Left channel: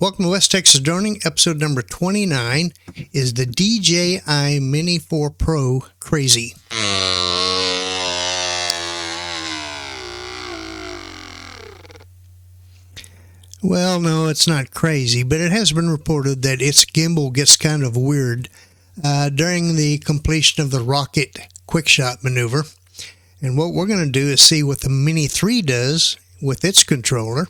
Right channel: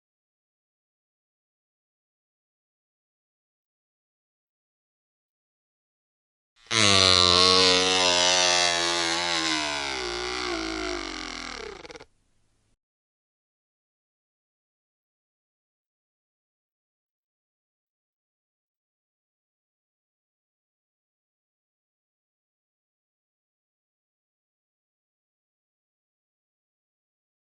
Welcome to West Texas Droning. Episode number 29 is the DJI Mini 4 Pro crazy. Well, no, it's not crazy, but it has been reported that its gimbal gets kind of weird during the completion of the rocket quickshot maneuver. And what we're going to do is see what the Mini 3 does with its controller.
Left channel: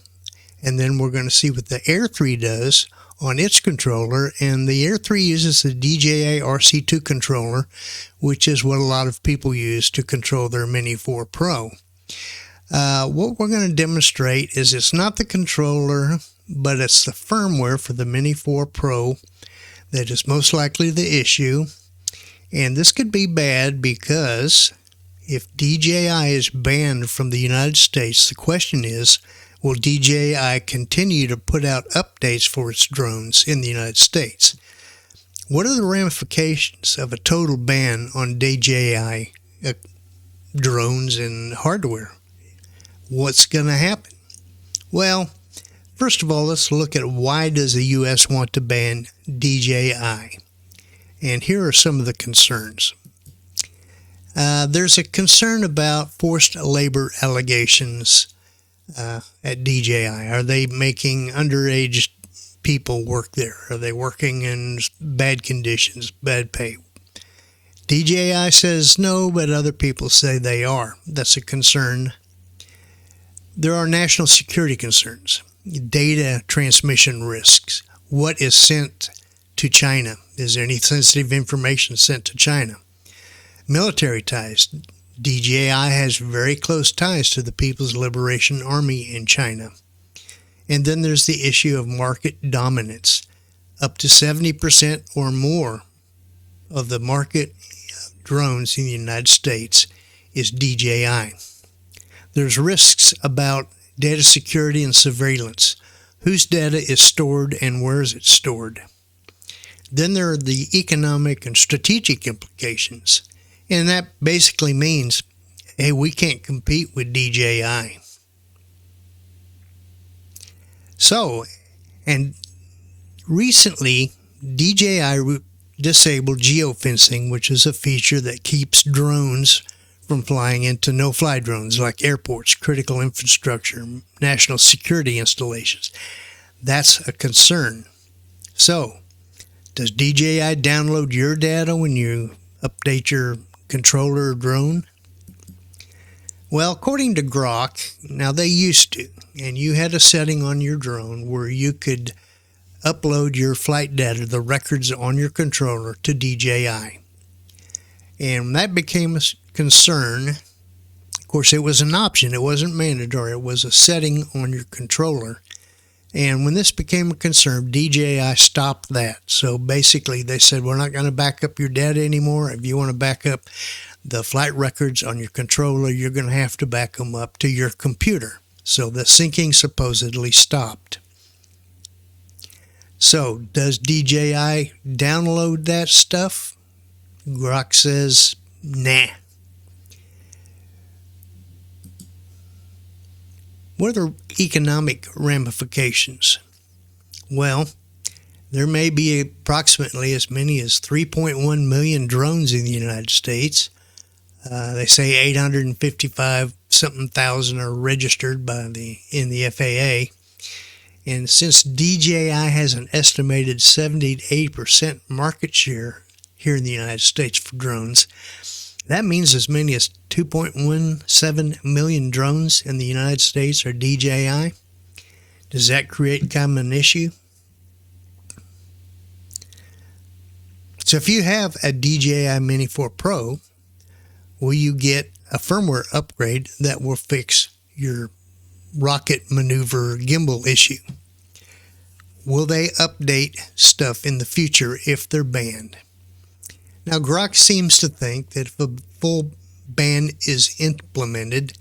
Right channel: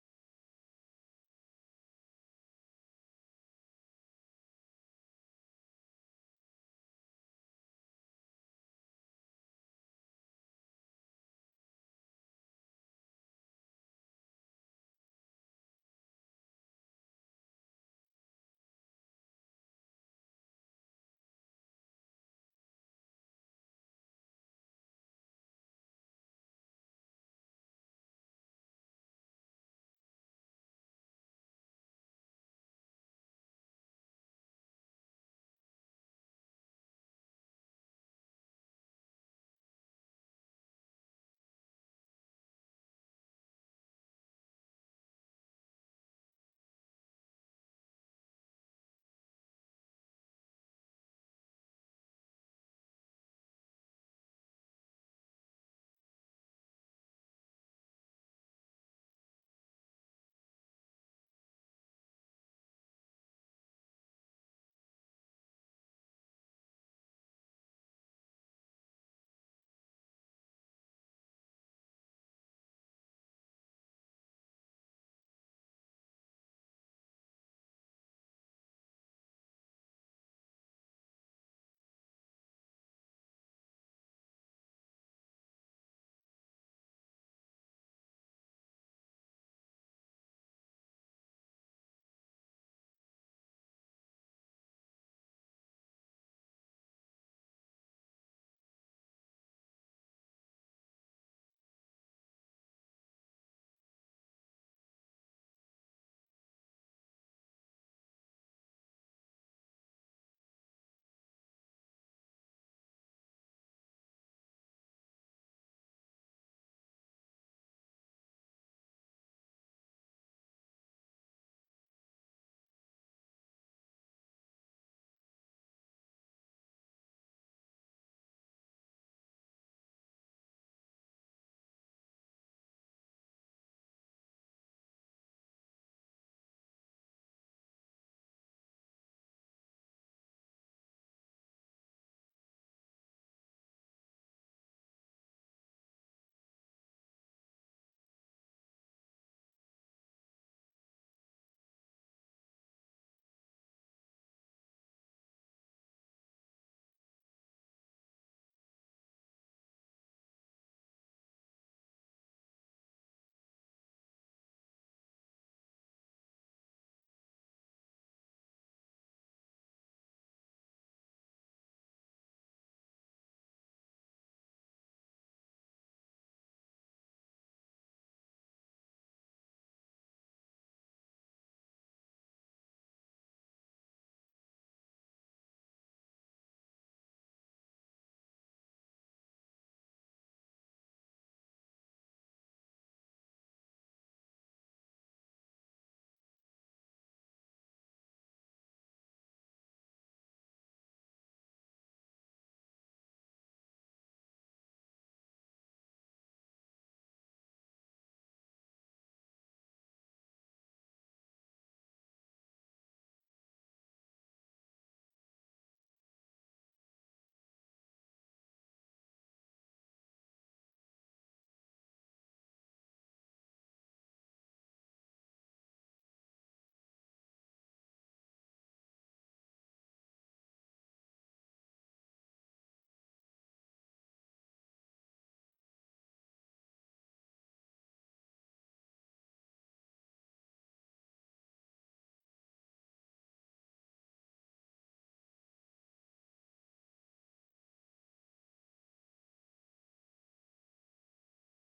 And then we're going to see what the Air 3 does on its controller. And the Air 3 uses the DJI RC2 controller, which is what a lot of people use to control their Mini 4 Pro. What we're going to demonstrate is it's not the controller, but it's the firmware for the Mini 4 Pro that is most likely the issue. And this could be bad because if DJI is banned from the United States, the question is, will DJI continue to put out updates for its drones in the United States? What are the ramifications of a total ban on DJI drones and hardware? What's going to happen? Well, first of all, let's look at why does the U.S. want to ban DJI? And here are some of the concerns. There's a concern about forced labor allegations at DJI. Are they making underage people work there? Are they working in bad conditions, bad pay? DJI says no, but other people say they are. That's a concern. There are national security concerns, data transmission risks. What is sent to China? Is there any sensitive information sent to China? Military ties. DJI has very close ties to the People's Liberation Army in China. And then there's the issue of market dominance. Up to 70% or more of the market drones in the United States is DJI. There's risks about data security and surveillance. Whose data is stored and where is it stored? Then there are the economic and strategic implications. And that basically means, hey, we can't compete with DJI. So, and recently, DJI disabled geofencing, which is a feature that keeps drones from flying into no-fly drones like airports, critical infrastructure, national security installations. That's a concern. So, does DJI download your data when you update your controller or drone? Well, according to Grok, now they used to, and you had a setting on your drone where you could upload your flight data, the records on your controller, to DJI. And that became a concern. Of course, it was an option. It wasn't mandatory. It was a setting on your controller. And when this became a concern, DJI stopped that. So basically, they said, we're not going to back up your data anymore. If you want to back up the flight records on your controller, you're going to have to back them up to your computer. So the syncing supposedly stopped. So does DJI download that stuff? Grok says, nah. What are the economic ramifications? Well, there may be approximately as many as 3.1 million drones in the United States. They say 855-something thousand are registered in the FAA. And since DJI has an estimated 70 to 80% market share here in the United States for drones, that means as many as 2.17 million drones in the United States are DJI. Does that create kind of an issue? So if you have a DJI Mini 4 Pro, will you get a firmware upgrade that will fix your rocket maneuver gimbal issue? Will they update stuff in the future if they're banned? Now, Grok seems to think that if a full ban is implemented,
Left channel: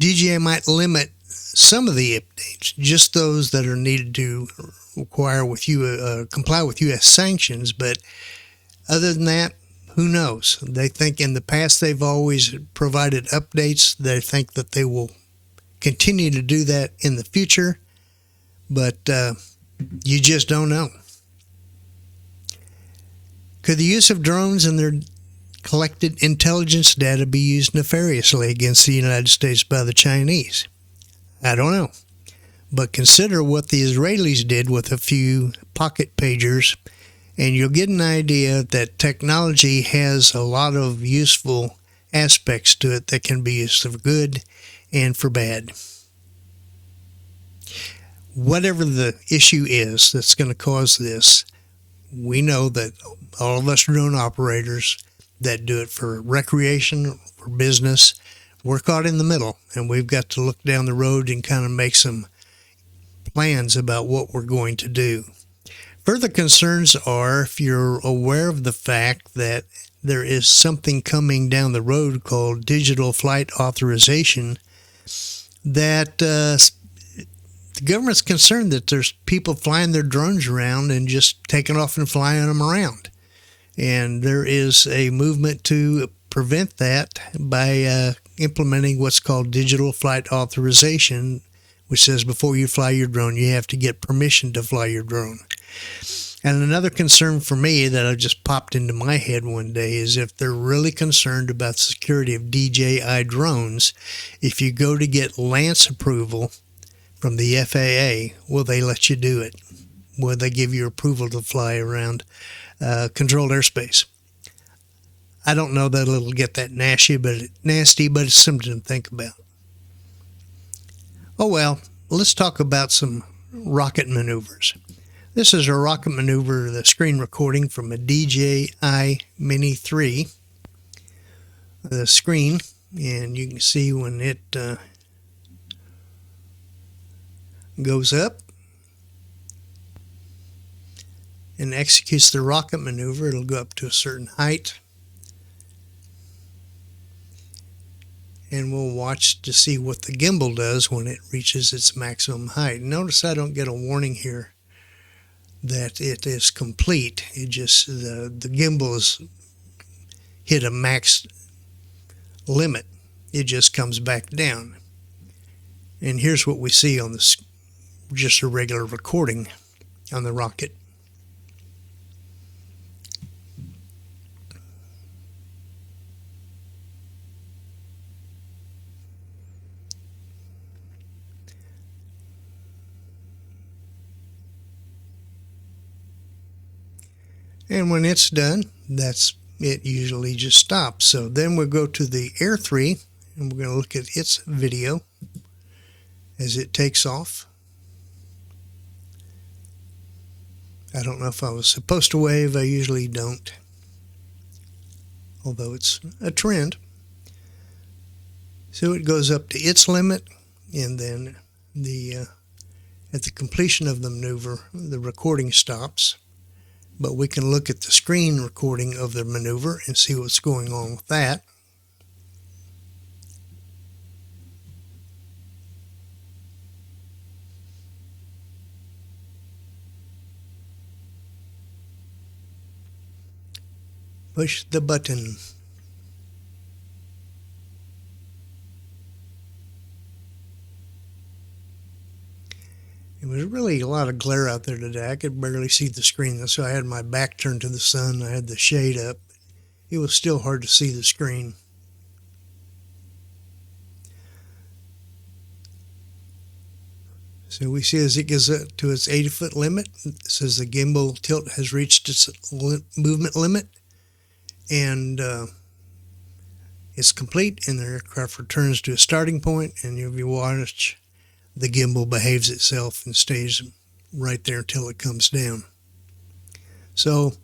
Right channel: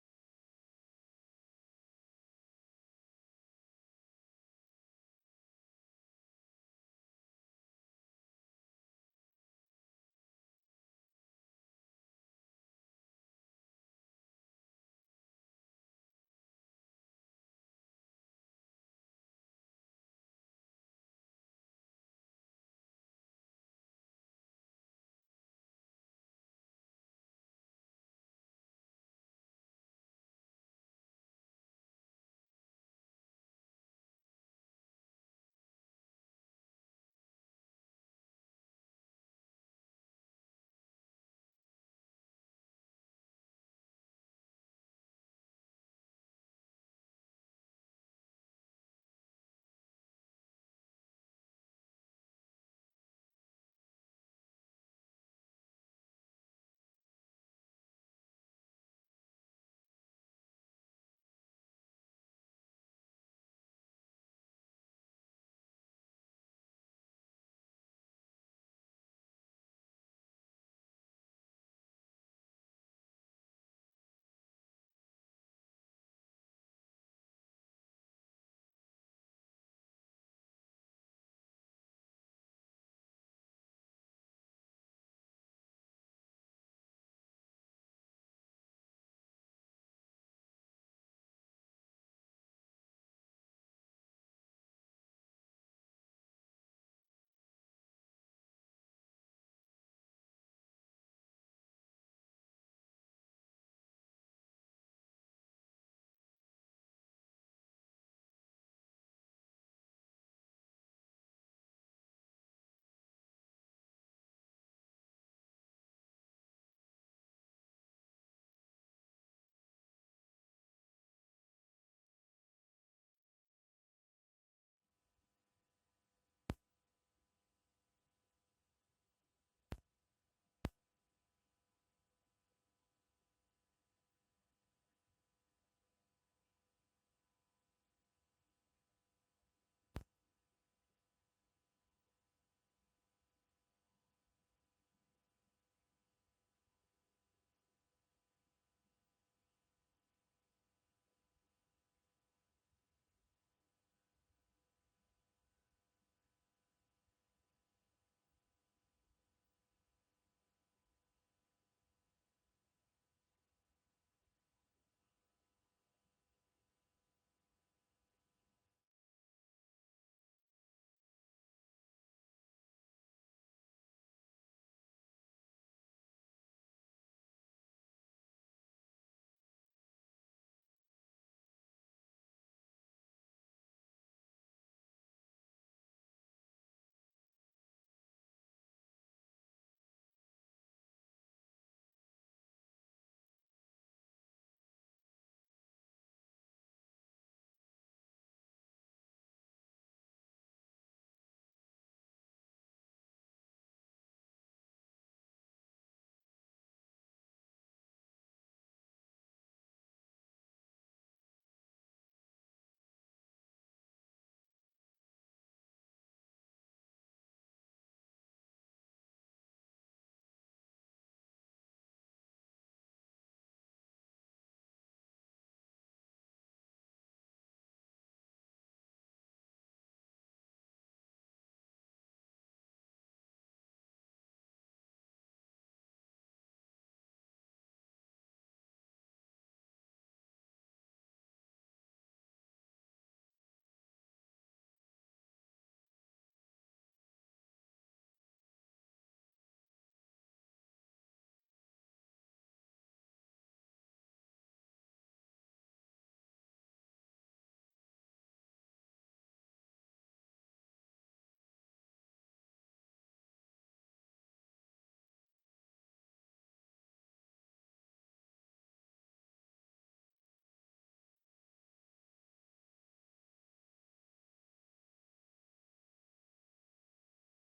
DJI might limit some of the updates, just those that are needed to comply with U.S. sanctions. But other than that, who knows? They think in the past they've always provided updates. They think that they will continue to do that in the future. but you just don't know. Could the use of drones and their collected intelligence data be used nefariously against the United States by the Chinese? I don't know. But consider what the Israelis did with a few pocket pagers, and you'll get an idea that technology has a lot of useful aspects to it that can be used for good and for bad. Whatever the issue is that's going to cause this, we know that all of us drone operators that do it for recreation, for business, we're caught in the middle, and we've got to look down the road and kind of make some plans about what we're going to do. Further concerns are if you're aware of the fact that there is something coming down the road called digital flight authorization, that the government's concerned that there's people flying their drones around and just taking off and flying them around. And there is a movement to prevent that by implementing what's called digital flight authorization, which says before you fly your drone, you have to get permission to fly your drone. And another concern for me that I just popped into my head one day is if they're really concerned about the security of DJI drones, if you go to get Lance approval from the FAA, will they let you do it? Will they give you approval to fly around controlled airspace? I don't know that it'll get that nasty, but it's something to think about. Oh well, let's talk about some rocket maneuvers. This is a rocket maneuver, the screen recording from a DJI Mini 3. The screen, and you can see when it goes up and executes the rocket maneuver, it'll go up to a certain height. And we'll watch to see what the gimbal does when it reaches its maximum height. Notice I don't get a warning here that it is complete. It just, the gimbal has hit a max limit. It just comes back down. And here's what we see on this, just a regular recording on the rocket. And when it's done, that's it, usually just stops. So then we'll go to the Air 3, and we're going to look at its video as it takes off. I don't know if I was supposed to wave. I usually don't, although it's a trend. So it goes up to its limit, and then at the completion of the maneuver, the recording stops. But we can look at the screen recording of the maneuver and see what's going on with that. Push the button. It was really a lot of glare out there today. I could barely see the screen, so I had my back turned to the sun. I had the shade up. It was still hard to see the screen. So we see as it gets up to its 80-foot limit, it says the gimbal tilt has reached its movement limit, and it's complete, and the aircraft returns to a starting point, and if you watch, the gimbal behaves itself and stays right there until it comes down. So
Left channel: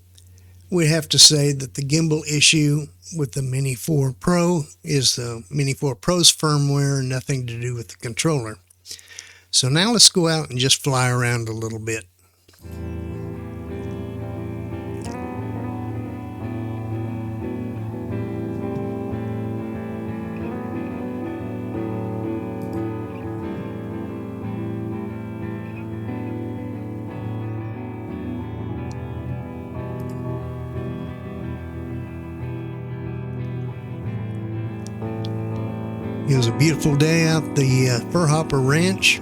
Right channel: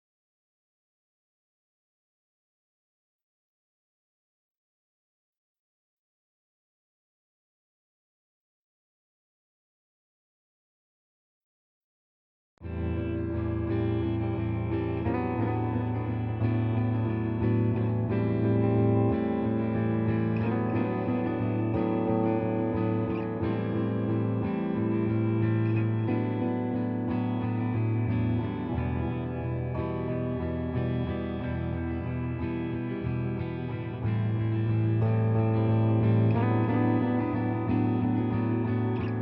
we have to say that the gimbal issue with the Mini 4 Pro is the Mini 4 Pro's firmware, nothing to do with the controller. So now let's go out and just fly around a little bit. It was a beautiful day out the Fur Hopper Ranch.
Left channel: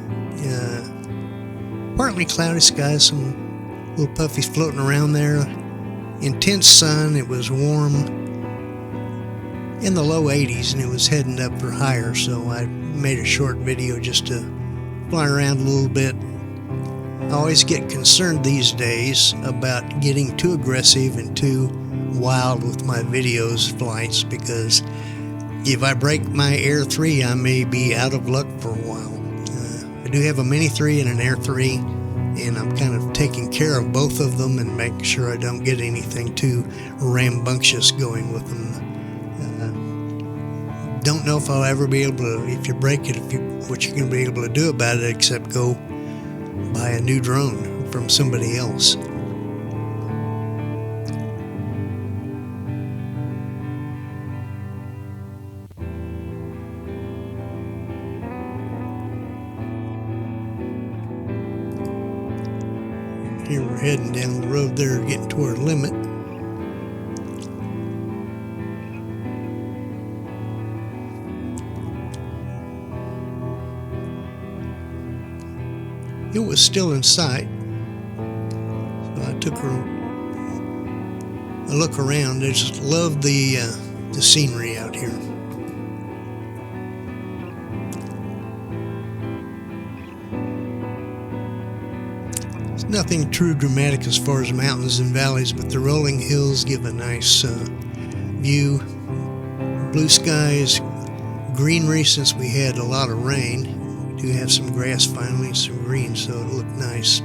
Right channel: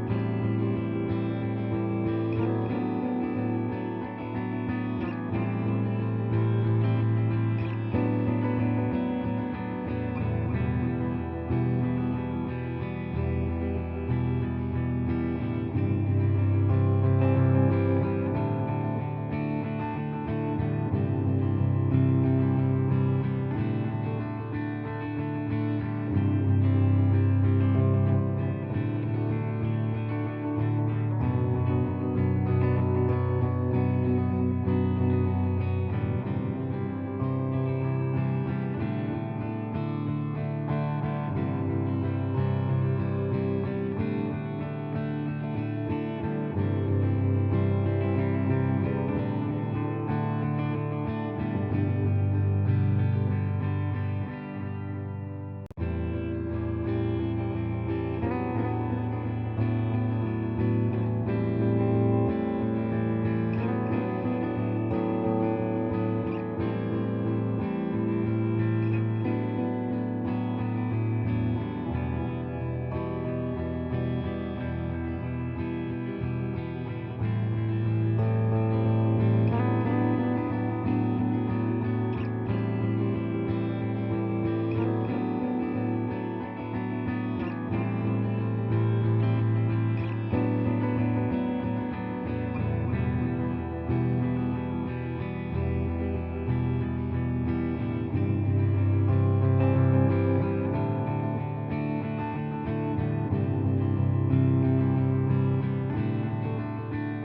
partly cloudy skies, some little puffies floating around there. Intense sun. It was warm in the low 80s, and it was heading up for higher, so I made a short video just to fly around a little bit. I always get concerned these days about getting too aggressive and too wild with my videos flights, because if I break my Air 3, I may be out of luck for a while. I do have a Mini 3 and an Air 3, and I'm kind of taking care of both of them and making sure I don't get anything too rambunctious going with them. Don't know if I'll ever be able to, if you break it, what you're going to be able to do about it except go buy a new drone from somebody else. Here we're heading down the road there, getting to our limit. It was still in sight. I took a look around. I just love the scenery out here. It's nothing too dramatic as far as mountains and valleys, but the rolling hills give a nice view. Blue skies, greenery since we had a lot of rain. We do have some grass finally, some green, so it'll look nice.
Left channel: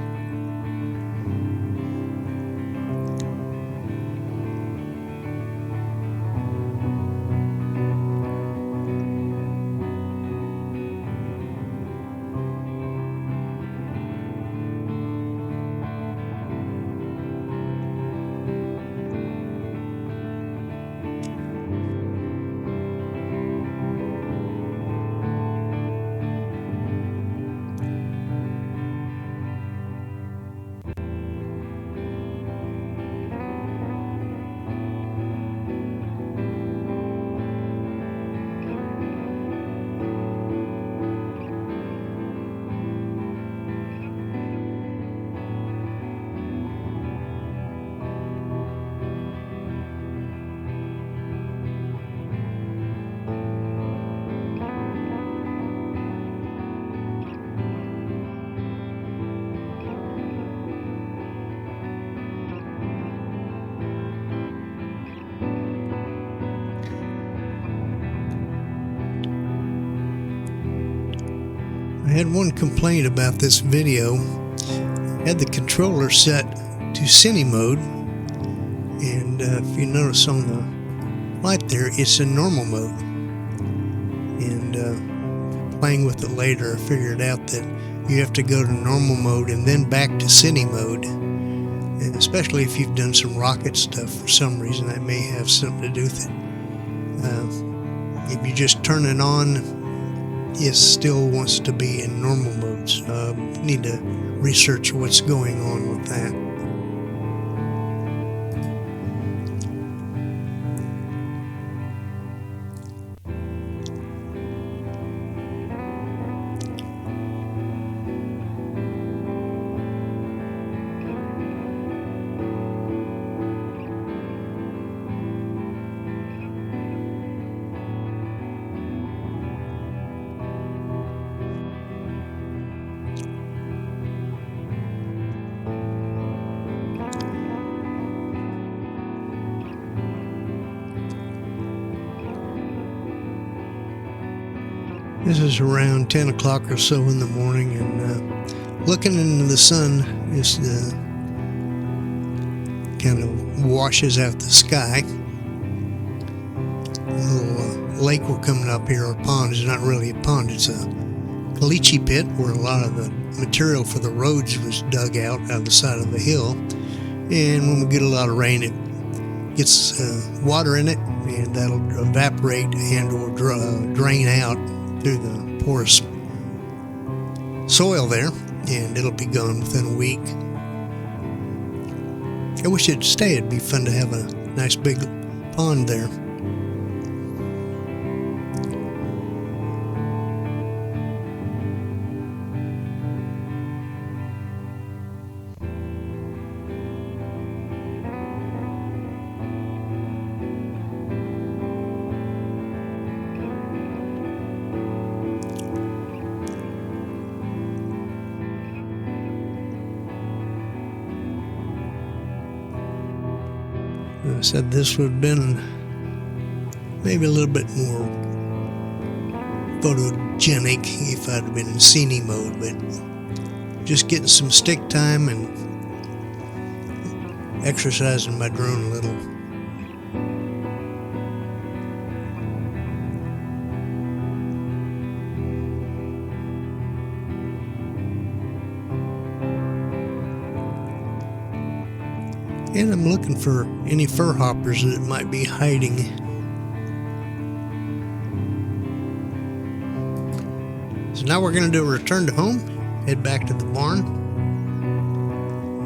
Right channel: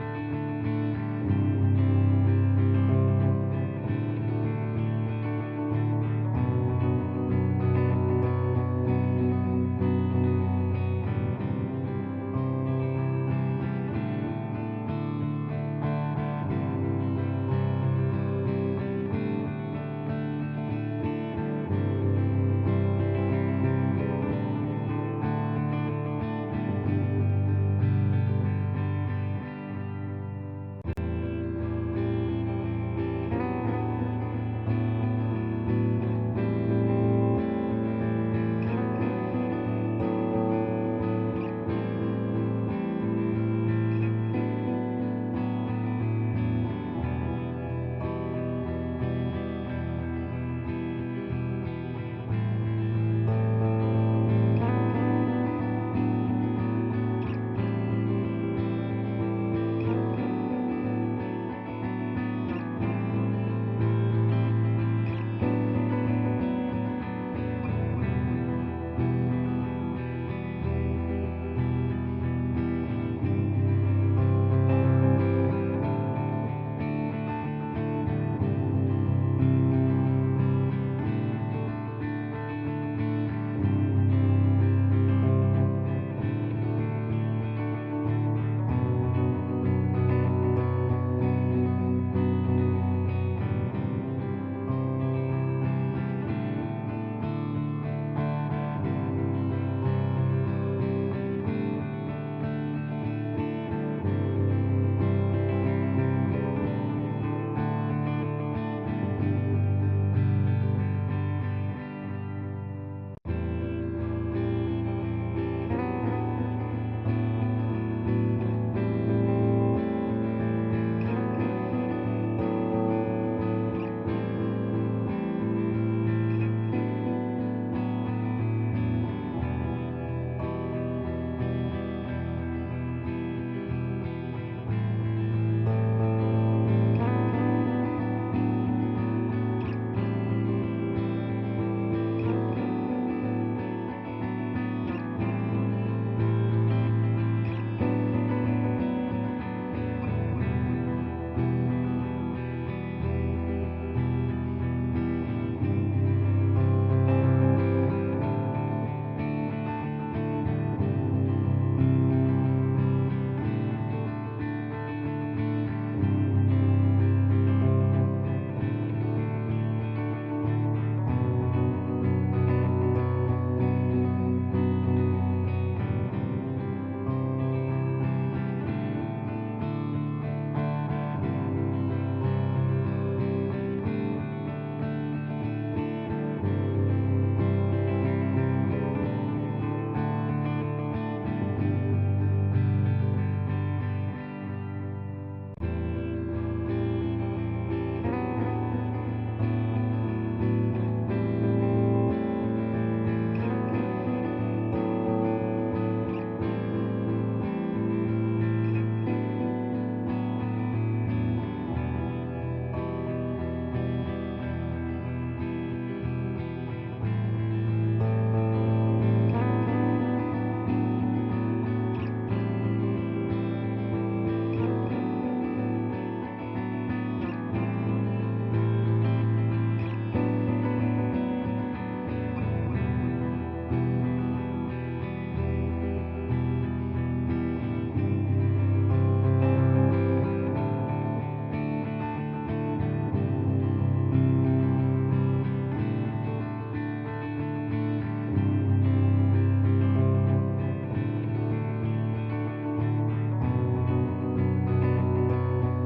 I had one complaint about this video. I had the controller set to cine mode, and if you notice on the light there, it's in normal mode. And playing with it later, I figured out that you have to go to normal mode and then back to cine mode. And especially if you've done some rocket stuff for some reason, that may have something to do with it. If you just turn it on, it still wants to be in normal mode, so I need to research what's going on with that. This is around 10 o'clock or so in the morning, and looking into the sun just kind of washes out the sky. A little lake will come up here, or pond. It's not really a pond, it's a caliche pit where a lot of the material for the roads was dug out of the side of the hill. And when we get a lot of rain, it gets water in it, and that'll evaporate and will drain out through the porous soil there, and it'll be gone within a week. I wish it'd stay. It'd be fun to have a nice big pond there. Said this would have been maybe a little bit more photogenic if I'd been in cine mode, but just getting some stick time and exercising my drone a little. And I'm looking for any fur hoppers that might be hiding. So now we're going to do a return to home, head back to the barn,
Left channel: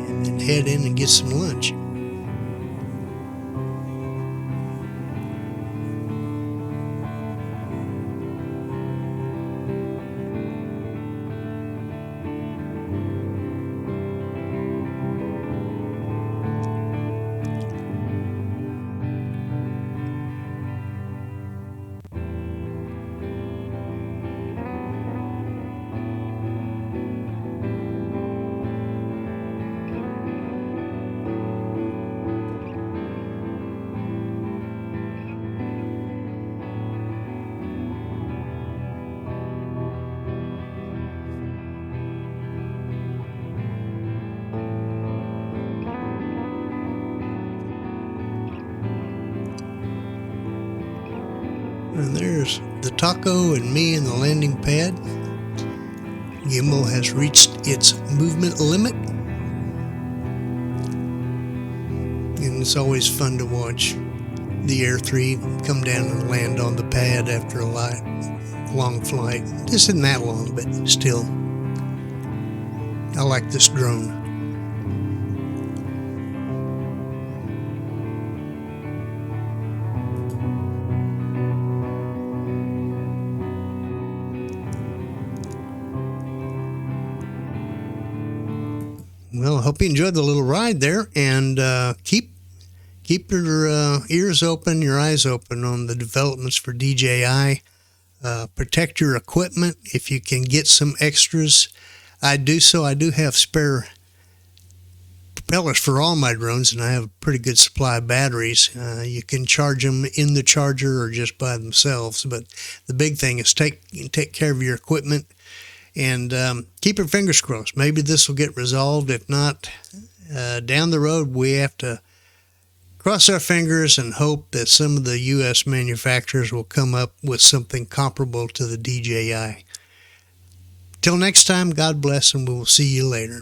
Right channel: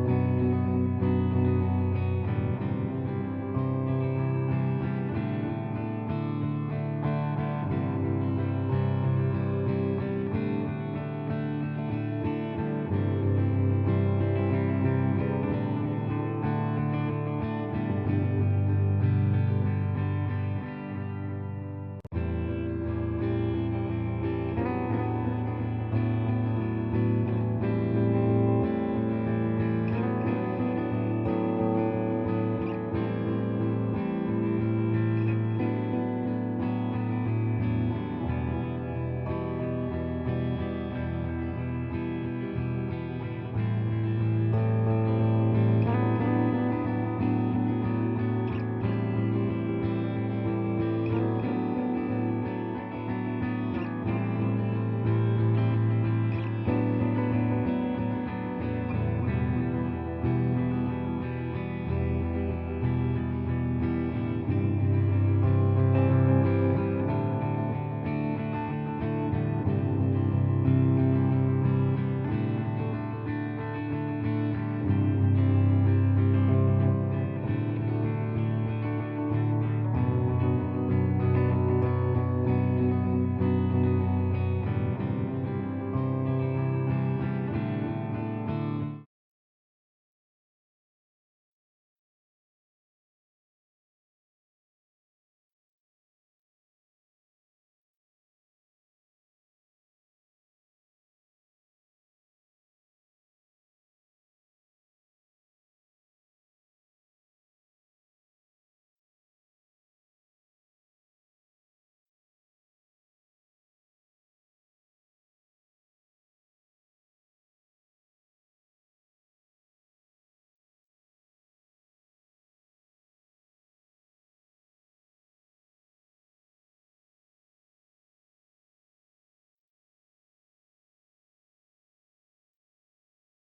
and then head in and get some lunch. And there's the taco and me in the landing pad. Gimbal has reached its movement limit. And it's always fun to watch the Air 3 come down and land on the pad after a long flight. This isn't that long, but still, I like this drone. Well, I hope you enjoyed the little ride there, and keep your ears open, your eyes open on the developments for DJI. Protect your equipment if you can get some extras. I do have spare propellers for all my drones, and I have a pretty good supply of batteries. You can charge them in the charger or just by themselves, but the big thing is take care of your equipment. And keep your fingers crossed. Maybe this will get resolved. If not, down the road, we have to cross our fingers and hope that some of the U.S. manufacturers will come up with something comparable to the DJI. Till next time, God bless, and we will see you later.